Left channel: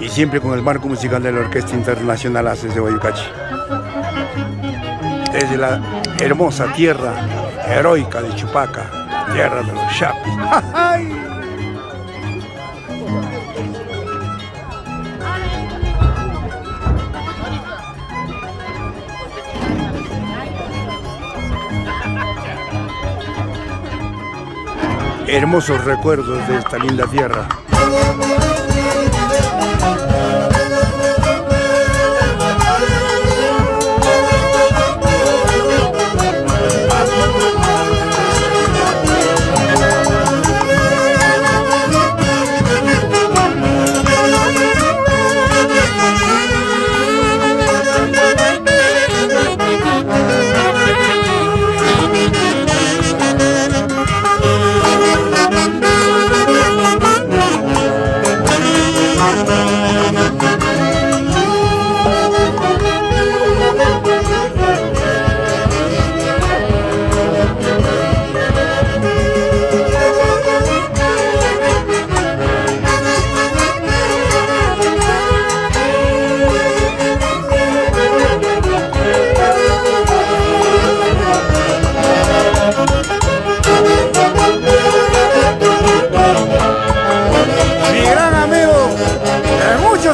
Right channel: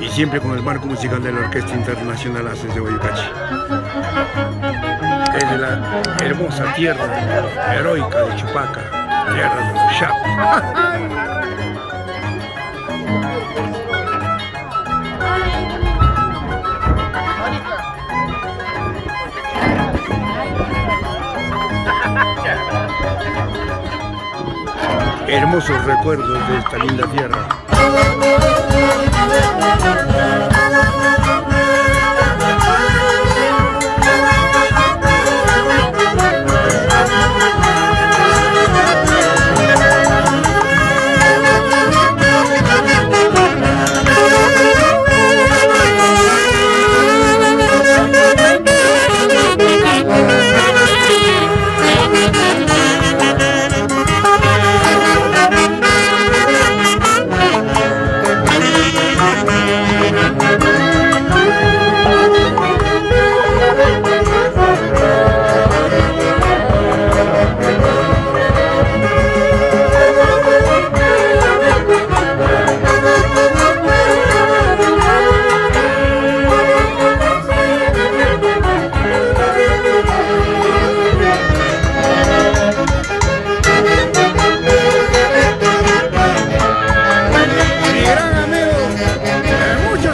y siempre con el marco musical de la Orquesta Internacional Haces de Guayucachi. Desde la hermosa tierra heroica de Chupaca, tierra de los Chapis. Hermosos recuerdos de esta linda tierra.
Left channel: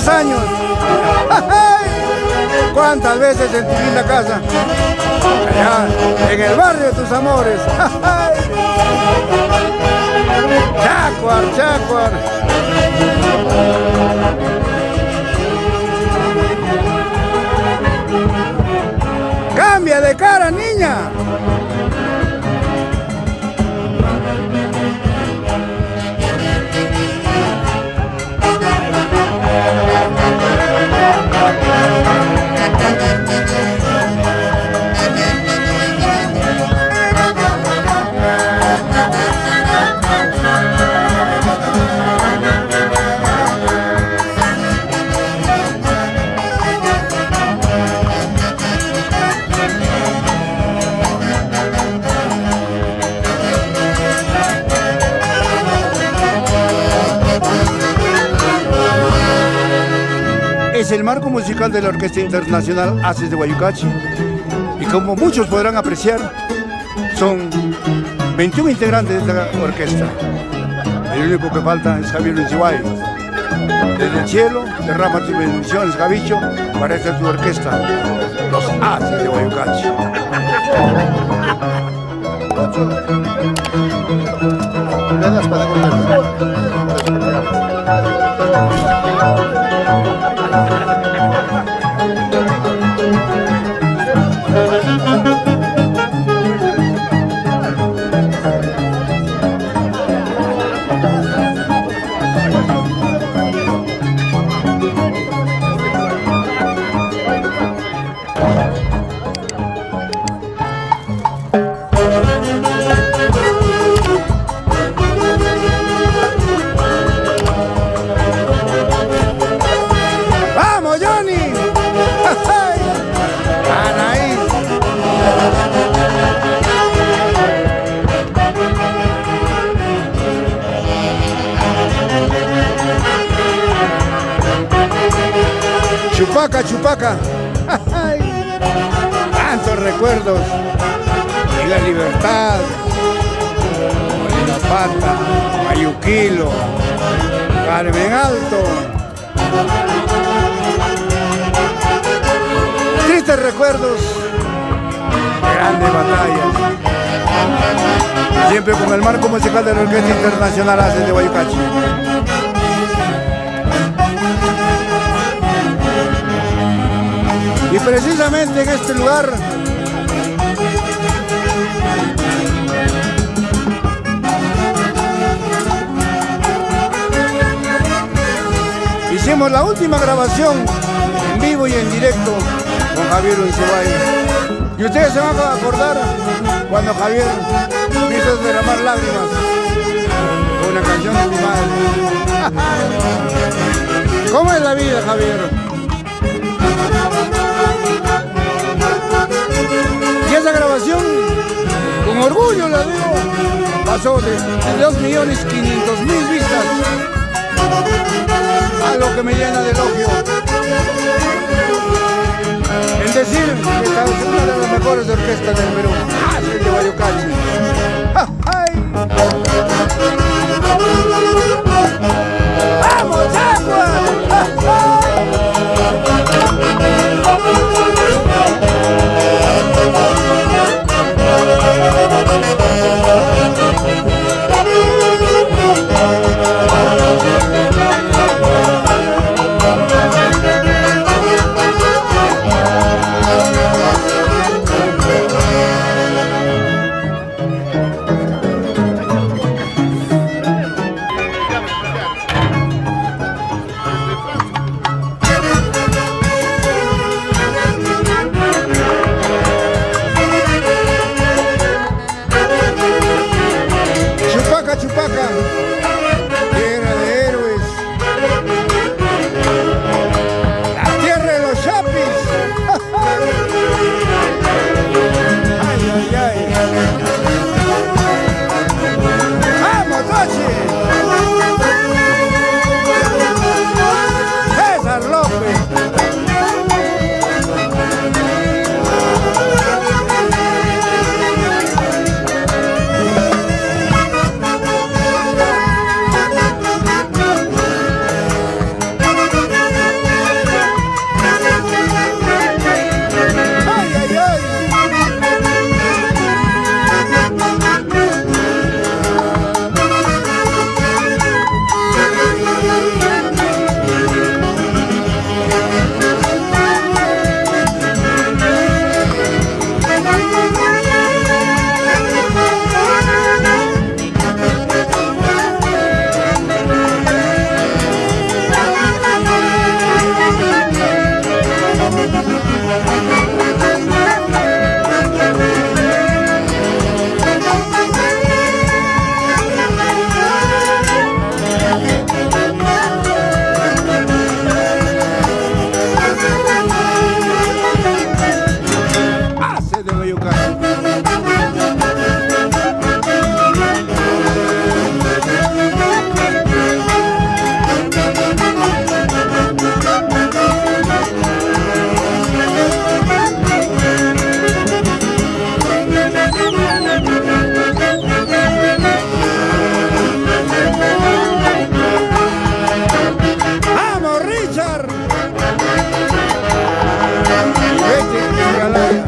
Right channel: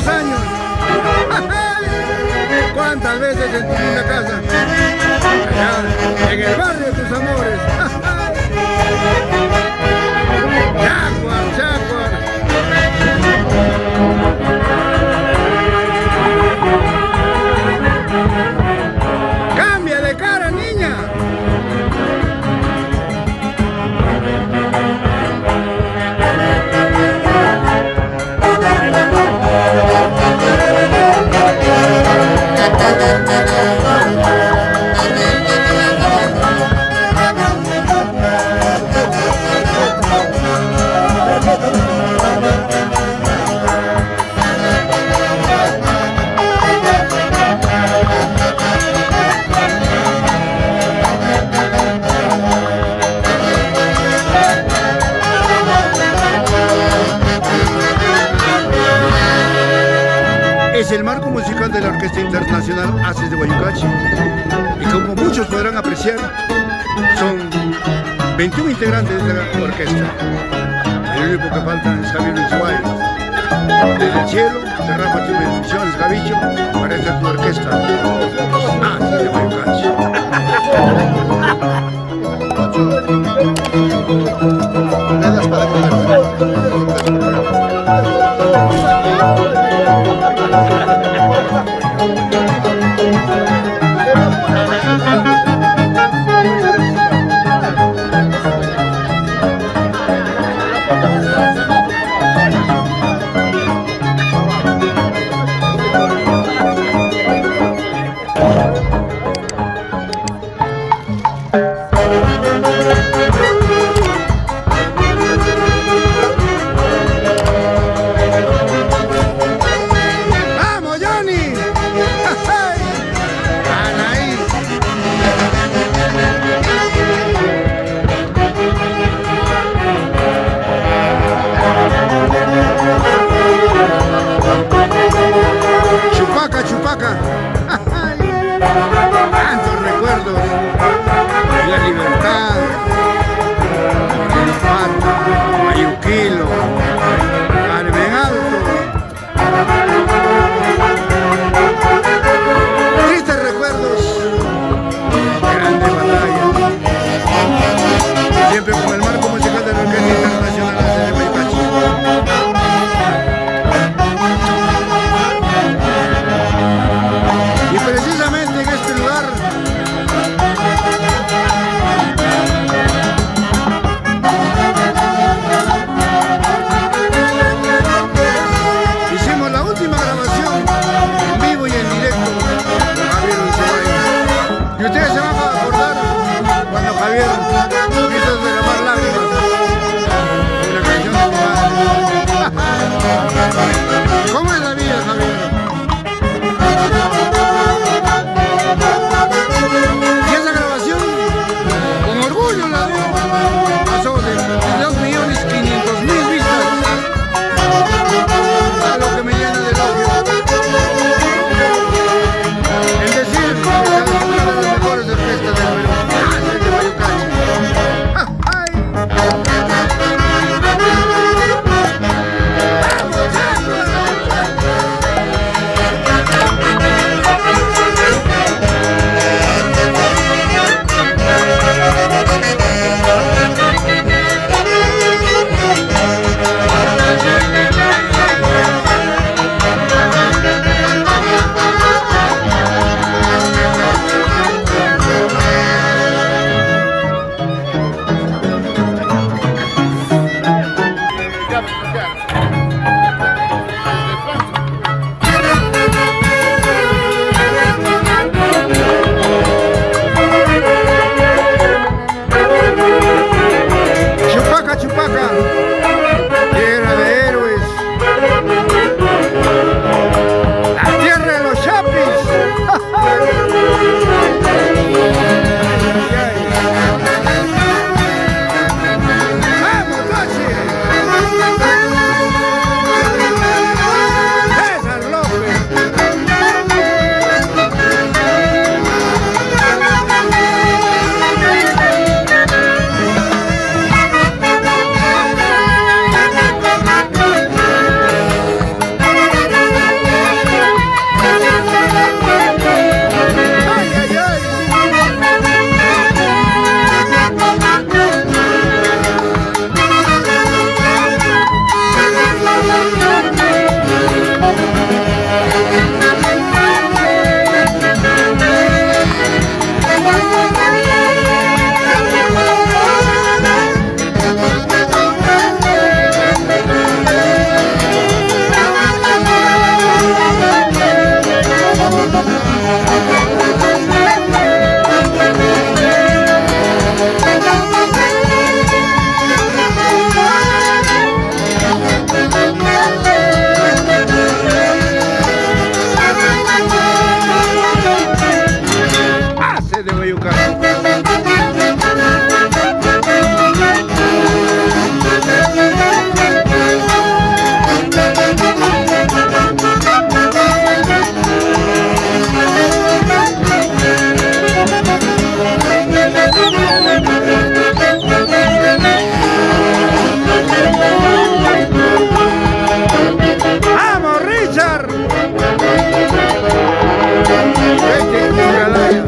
Años. ¿Cuántas veces en tu linda casa? Allá, en el barrio de tus amores. Chacuar, Chacuar. Cambia de cara, niña. Es el marco musical de la Orquesta Internacional Haces de Guayucachi, y como muchos podrán apreciar, son 21 integrantes de esta orquesta. El único que falta es Javier Luciway. Desde el cielo derrama tus bendiciones, Javicho, para esta tu orquesta, los Haces de Guayucachi. Chupaca, Chupaca. Tantos recuerdos. Y la Libertad, Molinopata, Mayuquilo, Carmen Alto. Tristes recuerdos, grandes batallas. Siempre con el marco musical de la Orquesta Internacional Haces de Guayucachi. Y precisamente en este lugar hicimos la última grabación en vivo y en directo con Javier Luciway. Y ustedes se van a acordar cuando Javier hizo derramar lágrimas con una canción de mi madre. ¿Cómo es la vida, Javier? Y esa grabación, con orgullo la digo, pasó de 2.500.000 vistas Chupaca, tierra de héroes, la tierra de los chapis. Ay, ay, ay. ¡Vamos, Tochi! César López. De Guayucán. ¡Vamos, Richard! Vete, Himalaya.